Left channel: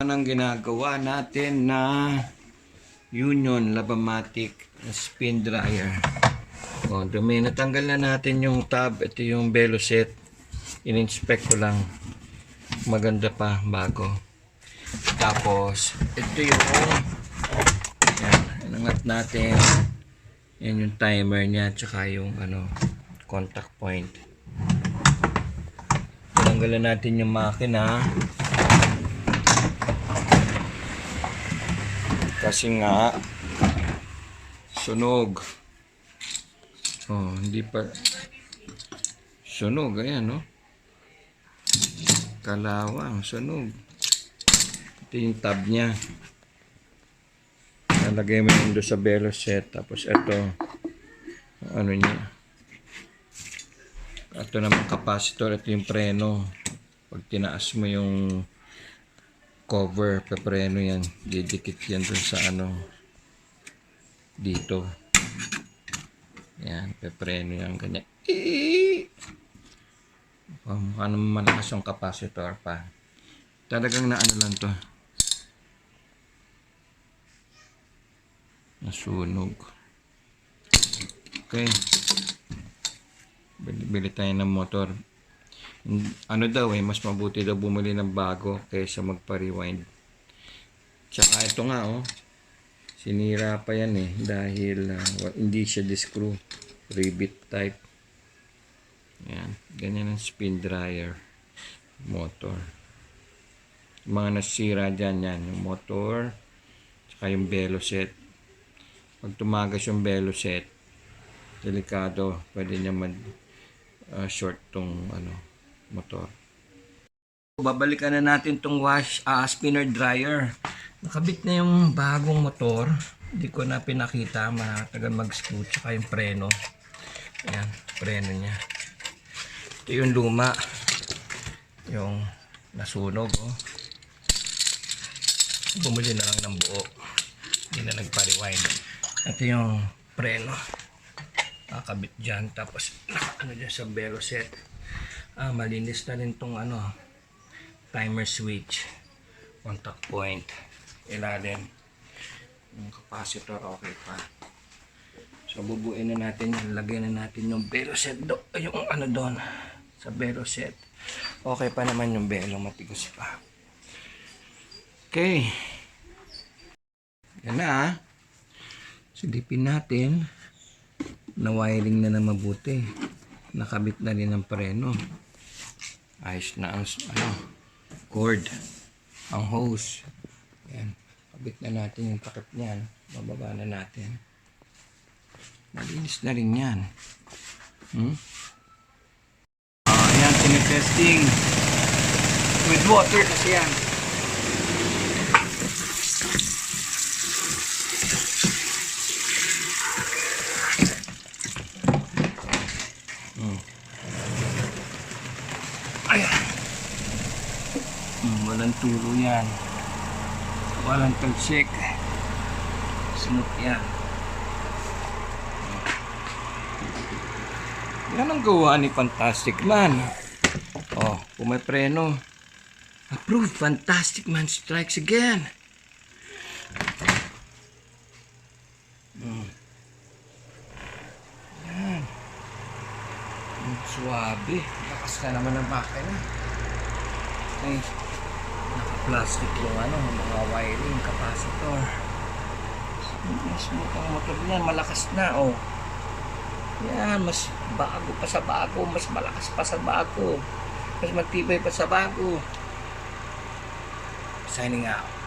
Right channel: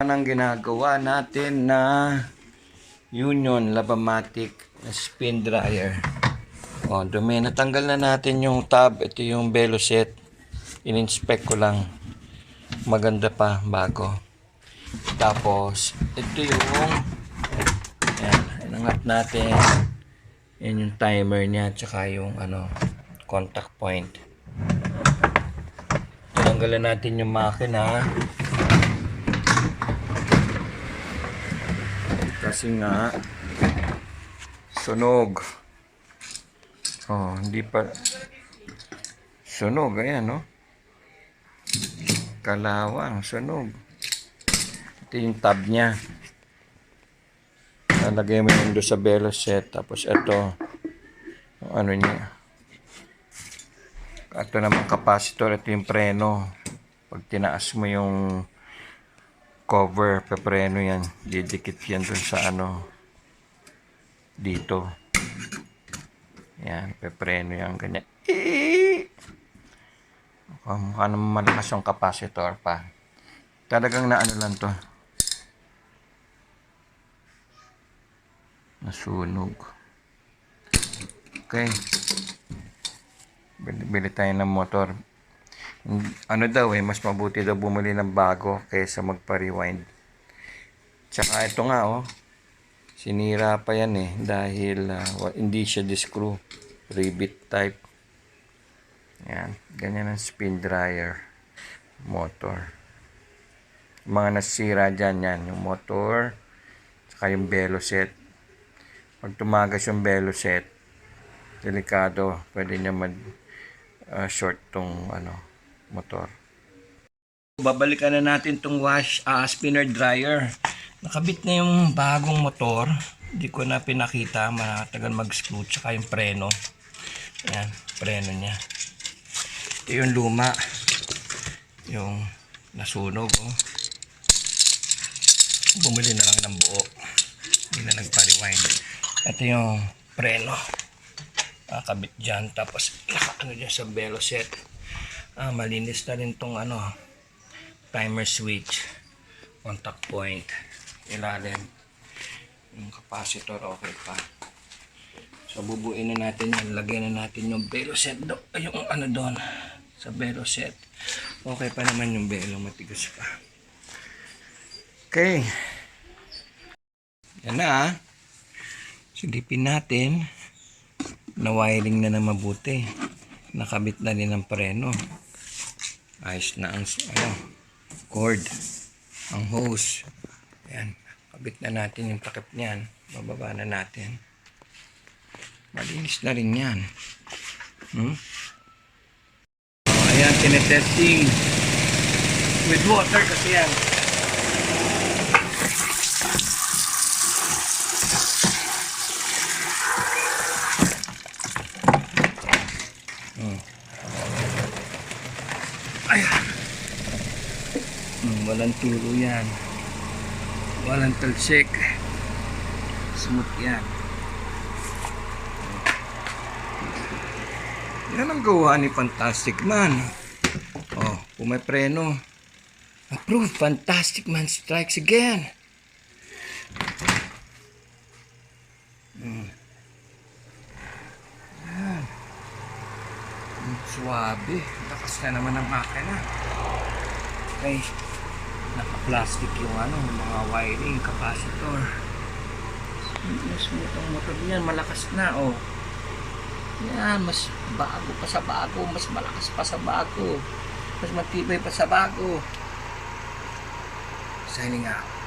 Ang ginagawa natin na Union Lab-O-Matic spin dryer. Dumi. Natanggal na natin yung tab. Ito yung belo set. In-inspect ko lang. Maganda pa, bago. Tapos, ito yung yan, inangat natin. Yan yung timer niya. Tsaka yung contact point. Tanggalan natin yung makina. Kasi nga sunog. Hindi pa sunog, ayan, no? Kalawang sunog. Ito yung tab niya. Nalagay mo yung doon sa belo set. Tapos ito niya. Ito naman capacitor. Ito yung preno. Pag tinaas mo yung cover, pepreno yan. Didikit yan dun sa dito. Yan, pepreno yan, ganyan. Mukha naman malakas yung capacitor pa. Talagang lang to. Nasunog. Okay. Bili tayo ng motor. Mas mabuti daw bumili ng bago kaysa magpa-rewind. Tsaka ito nga, sinira pa yan dahil hindi siya di-screw. Rivet type. Yan, ganyan ang spin dryer motor. Yung mga nasira dyan, yan, yung motor, tsaka yung belo set. Pag tumagas yung belo set, delikado, pwede niya short tong motor. Babalikan na natin tong spinner dryer. Nakabit na yung bagong motor. Hindi ko na pinakita, matagal mag-screw, tsaka yung preno. Ayan, preno niya. Ito yung luma. Yung nasunog, Bumili na lang ng buo. Hindi na nagpa-rewind. Ito yung preno. Nakabit dyan. Tapos naka dyan sa belo set. Malinis na rin tong timer switch, contact point, ilalim, yung capacitor okay pa. So bubuin na natin yan, lagyan na natin yung belo set yung doon sa belo set. Okay pa naman yung belo, matigas pa. Okay, yan na. Silipin natin na wiring na mabuti. Nakabit na rin ang preno. Ayos na ang cord, ang hose. Ayan, kabit na natin yung takip niyan. Bababa na natin. Malinis na rin yan. Ayan, tinetesting with water kasi yan. Ayan. Walang tulo yan. Walang talsik. Smooth yan. Yan ang gawa ni Fantastic Man. Kung may preno. Approved. Fantastic Man strikes again. Yan. Suwabe. Lakas ka naman ng makina. Okay. Naka-plastic yung mga wiring, capacitor. Smooth ang motor niyan. Malakas na, Yan, mas bago pa sa bago. Mas malakas pa sa bago. Mas matibay pa sa bago. Signing out.